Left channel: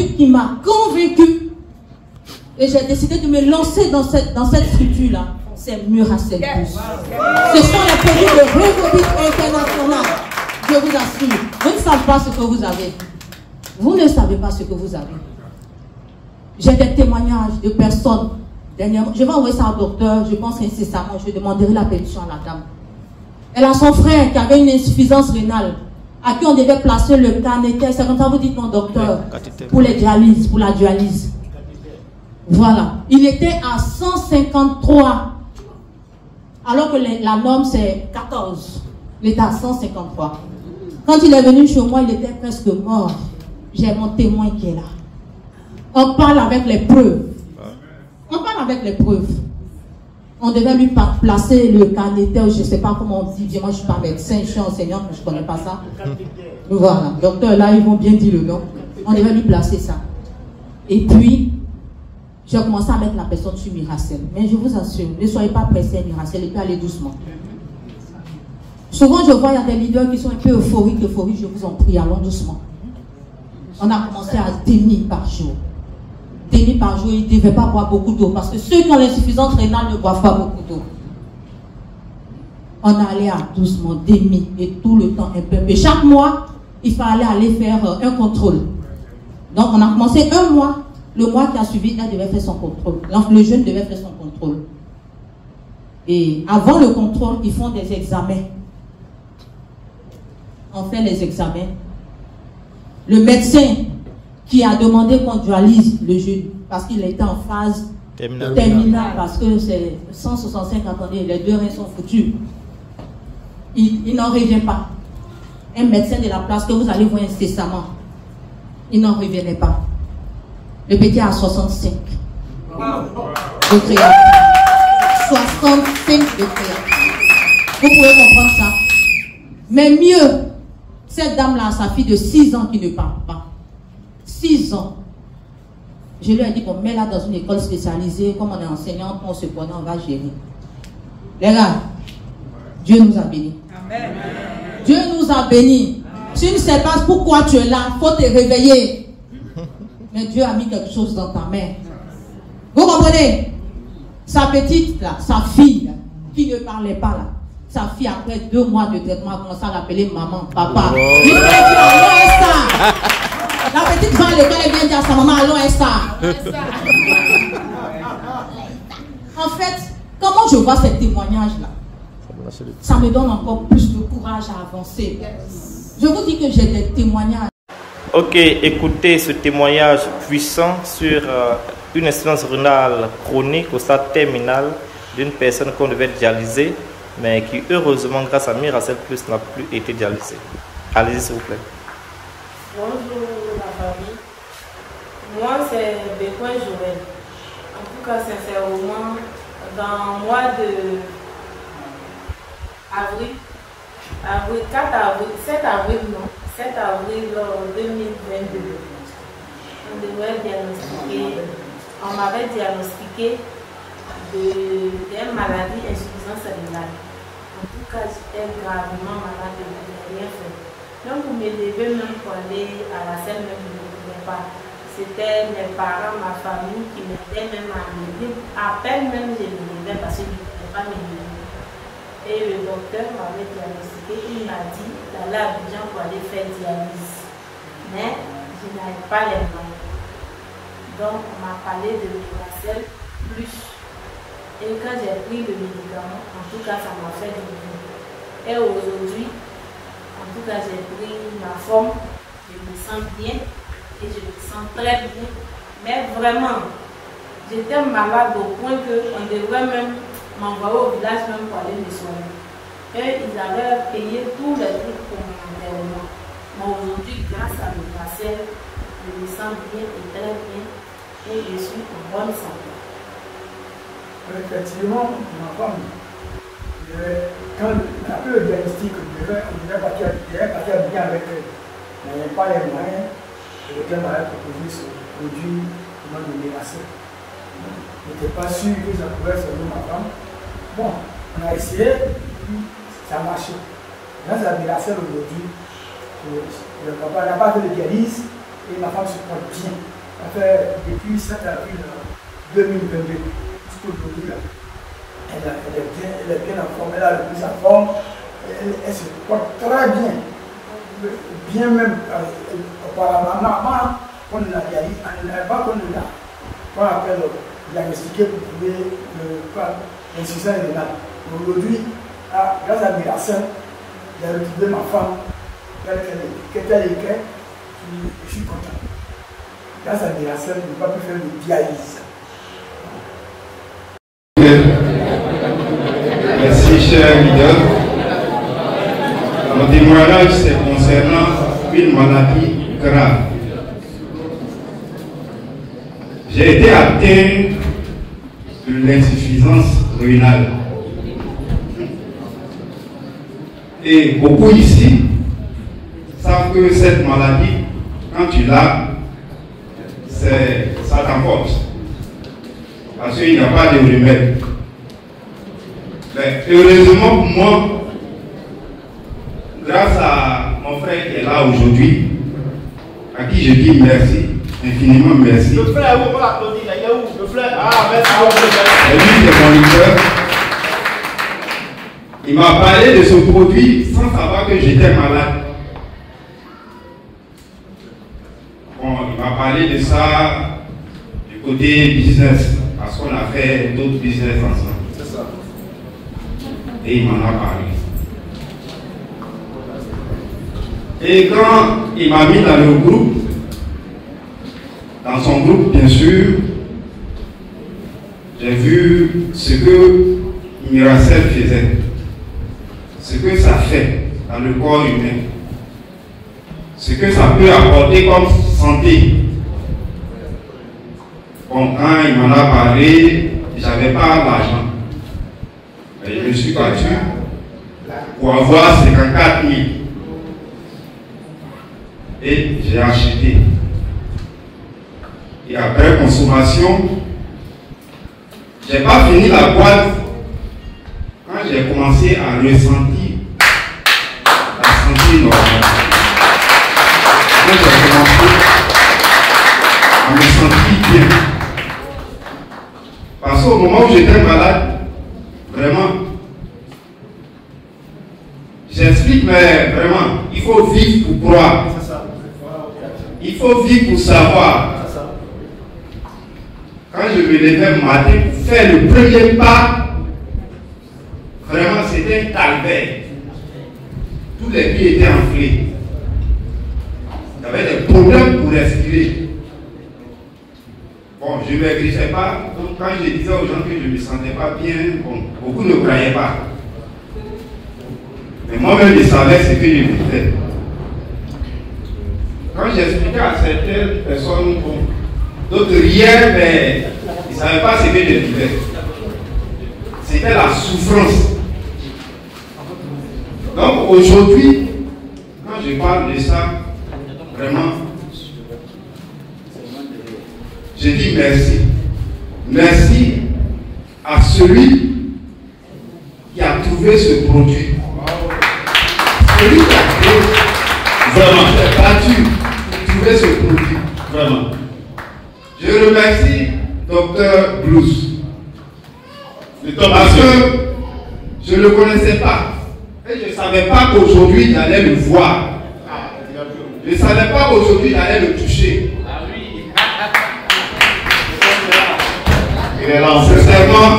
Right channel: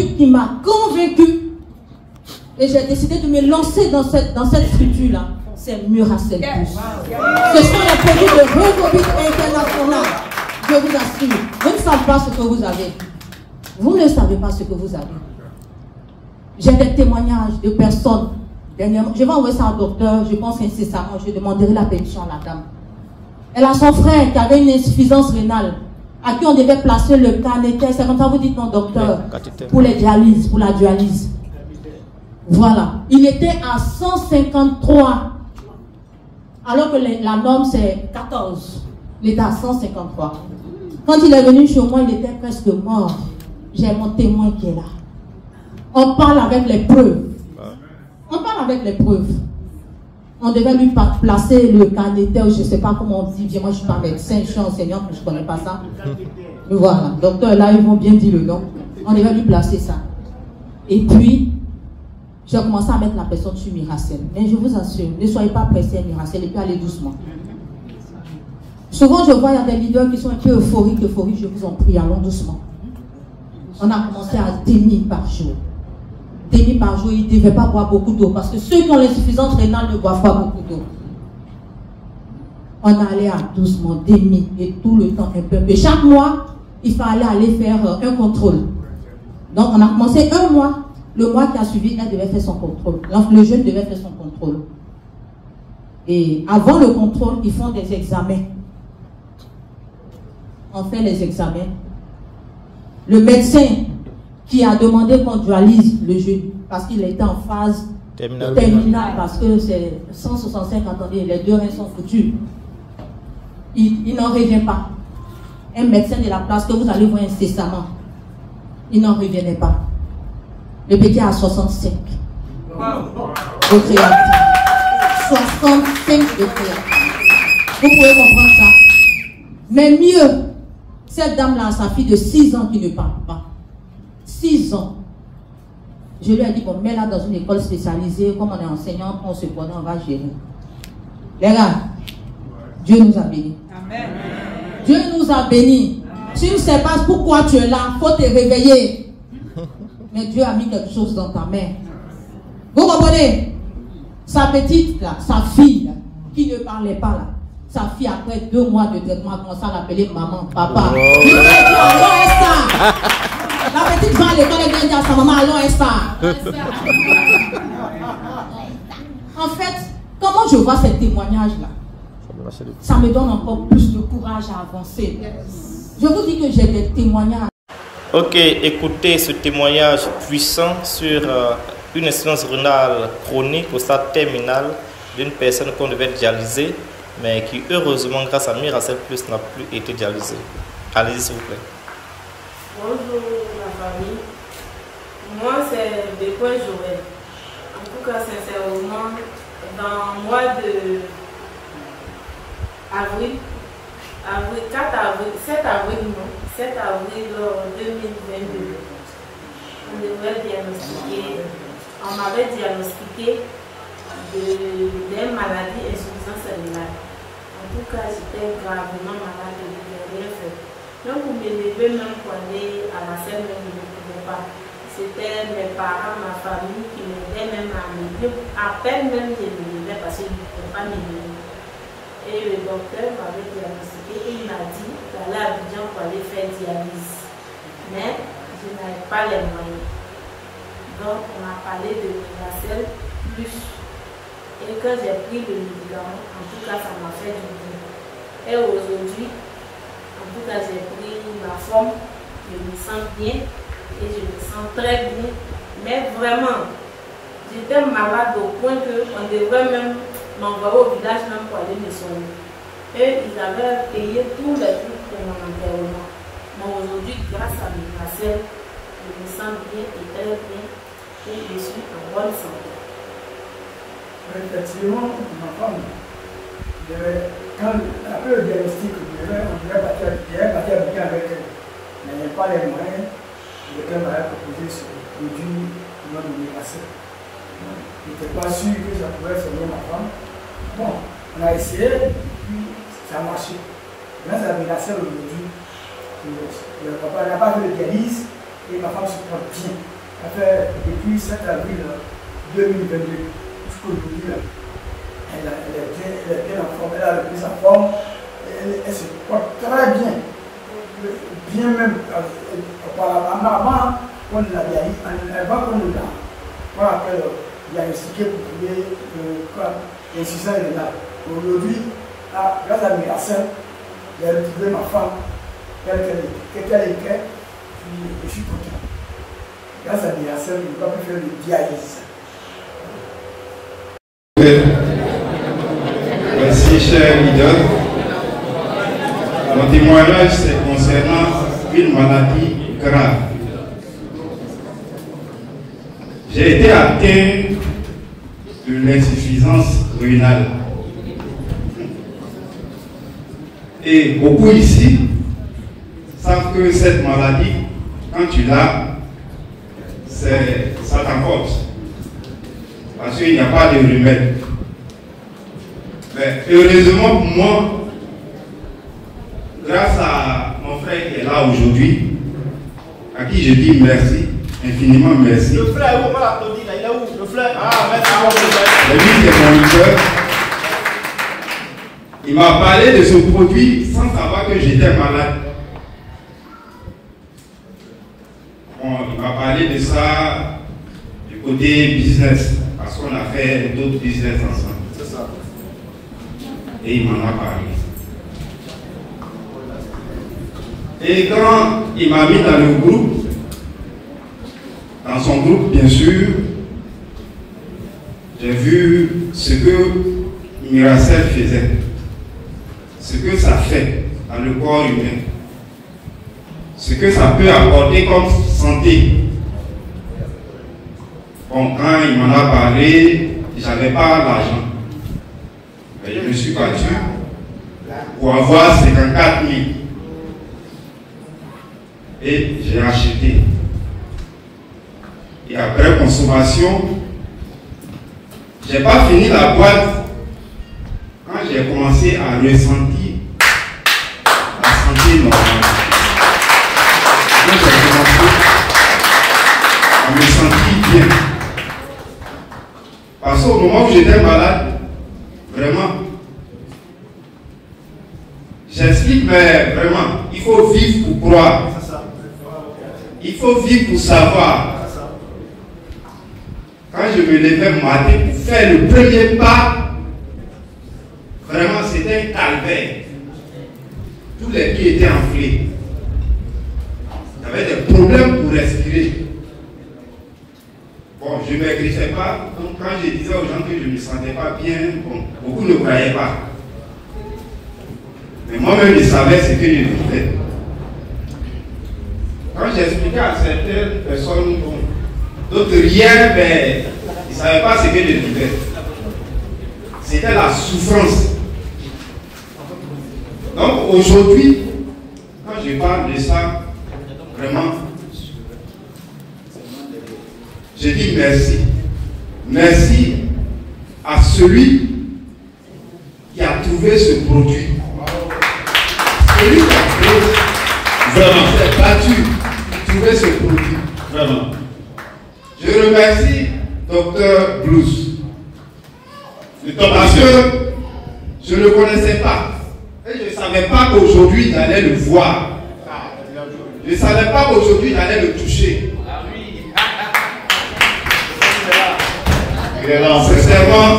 produit qui m'a convaincu. Et j'ai décidé de me lancer dans cette structure-là. C'est Muracell Plus. Ce sont les produits de Revobit International. Je vous assure. Vous ne savez pas ce que vous avez. Vous ne savez pas ce que vous avez. J'ai des témoignages de personnes. Dernièrement, je vais envoyer ça au docteur. Je pense incessamment. Je demanderai la permission à la dame. Elle a son frère qui avait une insuffisance rénale, à qui on devait placer le canéter. C'est comme ça vous dites non, docteur, pour les dialyses, pour la dialyse. Voilà. Il était à 153. Alors que la norme c'est 14. Il était à 153. Quand il est venu chez moi, il était presque mort. J'ai mon témoin qui est là. On parle avec les preuves. On parle avec les preuves. On devait lui placer le canéter, je ne sais pas comment on dit. Moi, je ne suis pas médecin, je suis enseignante, je ne connais pas ça. Voilà. Docteur, là, ils vont bien dire le nom. On devait lui placer ça. Et puis, j'ai commencé à mettre la personne sur Muracell. Mais je vous assure, ne soyez pas pressés, Muracell, et puis allez doucement. Souvent, je vois, il y a des leaders qui sont un peu euphoriques, je vous en prie, allons doucement. On a commencé à 10 000 par jour. 10 000 par jour, ils ne devaient pas boire beaucoup d'eau, parce que ceux qui ont l'insuffisance rénale ne boivent pas beaucoup d'eau. On allait à doucement, 10 000, et tout le temps un peu. Et chaque mois, il fallait aller faire un contrôle. Donc, on a commencé un mois. Le mois qui a suivi, elle devait faire son contrôle. Donc, le jeune devait faire son contrôle. Et avant le contrôle, ils font des examens. On fait les examens. Le médecin qui a demandé qu'on dualise le jeune, parce qu'il était en phase terminale, parce que c'est 165, attendez, les 2 reins sont foutus. Il n'en revient pas. Un médecin de la place que vous allez voir incessamment, il n'en revenait pas. Le petit a 65 de créatine. 65 de créatine. Vous pouvez comprendre ça. Mais mieux, cette dame-là a sa fille de 6 ans qui ne parle pas. 6 ans. Je lui ai dit qu'on met là dans une école spécialisée, comme on est enseignante, on se connaît, on va gérer. Les gars, Dieu nous a bénis. Amen. Dieu nous a bénis. Tu ne sais pas pourquoi tu es là, il faut te réveiller. Mais Dieu a mis quelque chose dans ta main. Vous comprenez? Sa petite, là, sa fille, là, qui ne parlait pas là, sa fille, après 2 mois de traitement, a commencé à l'appeler maman, papa. Il lui a dit, allons, Esther. La petite va à l'école, elle vient dire à sa maman, allons, Esther. En fait, comment je vois ces témoignages-là, ça me donne encore plus de courage à avancer. Je vous dis que j'ai des témoignages. Ok, écoutez ce témoignage puissant sur une insuffisance rénale chronique au stade terminal d'une personne qu'on devait dialyser, mais qui heureusement, grâce à Muracell Plus, n'a plus été dialysée. Allez-y s'il vous plaît. Bonjour la famille. Moi c'est Bécoin Joël. En tout cas, sincèrement, dans le mois de avril, 7 avril 2022, on m'avait diagnostiqué d'une maladie insuffisance rénale. En tout cas, j'étais gravement malade, je ne pouvais rien faire. Donc, pour me lever même pour aller à la scène, je ne pouvais pas. C'était mes parents, ma famille qui m'aidaient même à me lever. À peine même je me levais parce que je ne pouvais pas me lever. Et le docteur m'avait diagnostiqué et il m'a dit d'aller à Abidjan pour aller faire dialyse. Mais je n'avais pas les moyens. Donc, on m'a parlé de Muracell Plus. Et quand j'ai pris le médicament, en tout cas, ça m'a fait du bien. Et aujourd'hui, en tout cas, j'ai pris ma forme, je me sens bien et je me sens très bien. Mais vraiment, j'étais malade au point qu'on devrait même m'envoyer au village même pour aller me soigner. Et ils avaient payé tous les trucs pour mon enterrement. Mais aujourd'hui, grâce à Muracell, je me sens bien et très bien et je suis en bonne santé. Effectivement, ma femme, quand après le diagnostic, on devait partir avec elle, mais pas les moyens, et elle m'avait proposé ce produit non de Muracell. Je n'étais pas sûr que ça pouvait servir ma femme. Bon, on a essayé, puis ça a marché. Grâce à Muracell aujourd'hui, le papa n'a pas fait de dialyse et ma femme se porte bien. depuis 7 avril 2022 jusqu'aujourd'hui, elle est bien en forme, elle a repris sa forme, elle se porte très bien. Bien même auparavant, avant qu'on l'a qu'on appelle diagnostiqué pour trouver l'insuffisance rénale. Aujourd'hui, grâce à Miracel, j'ai retrouvé ma femme telle qu'elle était, et je suis content. Grâce à Miracel, je n'ai pas pu faire de dialyse. Merci, cher leader. Mon témoignage, c'est concernant une maladie grave. J'ai été atteint de l'insuffisance rénale. Et beaucoup ici savent que cette maladie, quand tu l'as, ça t'emporte. Parce qu'il n'y a pas de remède. Mais heureusement pour moi, grâce à mon frère qui est là aujourd'hui, à qui je dis merci, infiniment merci. Le frère, où on peut applaudir là? Il est où? Le frère? Ah, merci beaucoup. Et lui, c'est mon leader. Il m'a parlé de ce produit sans savoir que j'étais malade. Bon, il m'a parlé de ça du côté business, parce qu'on a fait d'autres business ensemble. C'est ça. Et il m'en a parlé. Et quand il m'a mis dans le groupe, dans son groupe bien sûr, j'ai vu ce que Miracel faisait, ce que ça fait dans le corps humain, ce que ça peut apporter comme santé. Bon, quand il m'en a parlé, j'avais pas l'argent. Je me suis battu pour avoir 54 000. Et j'ai acheté. Et après consommation, je n'ai pas fini la boîte quand j'ai commencé à ressentir la santé normale. Quand j'ai commencé à me sentir bien. Parce qu'au moment où j'étais malade, vraiment, j'explique, mais vraiment, il faut vivre pour croire. Il faut vivre pour savoir. Quand je me levais le matin pour faire le premier pas, vraiment c'était un calvaire. Tous les pieds étaient enflés. Il y avait des problèmes pour respirer. Bon, je ne maigrissais pas. Donc quand je disais aux gens que je ne me sentais pas bien, bon, beaucoup ne croyaient pas. Mais moi-même, je savais ce que je vivais. Quand j'expliquais à certaines personnes, bon, d'autres riaient, mais ils ne savaient pas ce que je vivais. C'était la souffrance. Donc aujourd'hui, quand je parle de ça, vraiment, je dis merci. Merci à celui qui a trouvé ce produit. Celui qui a trouvé, vraiment, s'est battu pour trouver ce produit. Vraiment. Je remercie Dr Blues. Parce que je ne le connaissais pas. Et je ne savais pas qu'aujourd'hui j'allais le voir. Je ne savais pas qu'aujourd'hui j'allais le toucher. Sincèrement,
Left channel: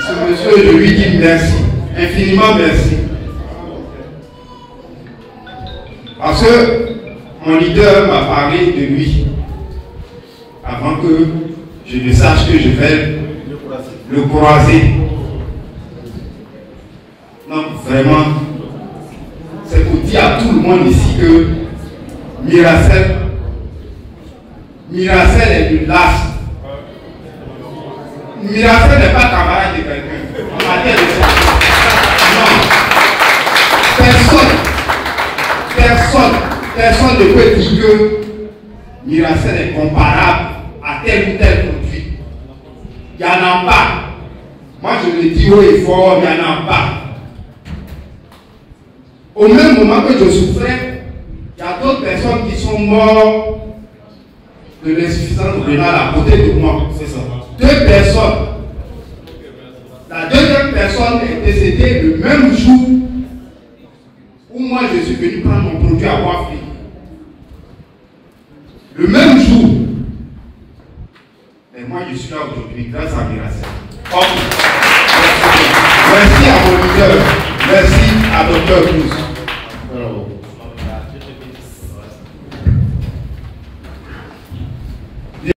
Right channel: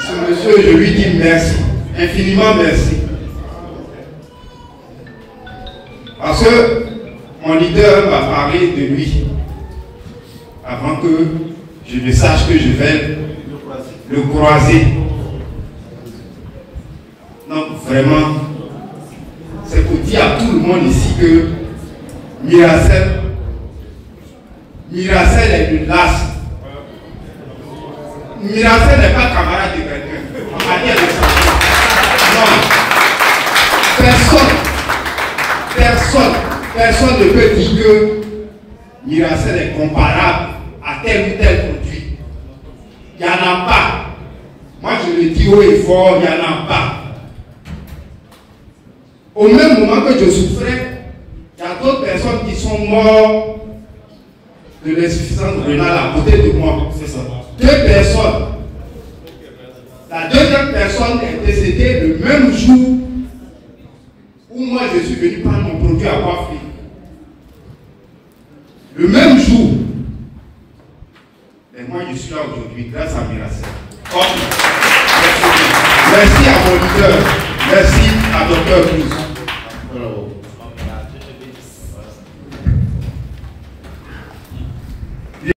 ce monsieur, je lui dis merci. Infiniment merci. Parce que mon leader m'a parlé de lui avant que je ne sache que je vais le croiser. Donc vraiment, c'est pour dire à tout le monde ici que Miracel est une lasse. Miracel n'est pas camarade de quelqu'un. On m'a dit de ça. Non. Personne ne peut dire que Miracel est comparable à tel ou tel produit. Il n'y en a pas. Moi je le dis haut et fort, il n'y en a pas. Au même moment que je souffrais, il y a d'autres personnes qui sont mortes de l'insuffisance rénale à côté de moi. C'est ça. 2 personnes. La deuxième personne est décédée le même jour où moi je suis venu prendre mon produit à Wafri. Le même jour. Et moi je suis là aujourd'hui grâce à Miracel. Merci à mon leader. Merci à Dr. Cruz.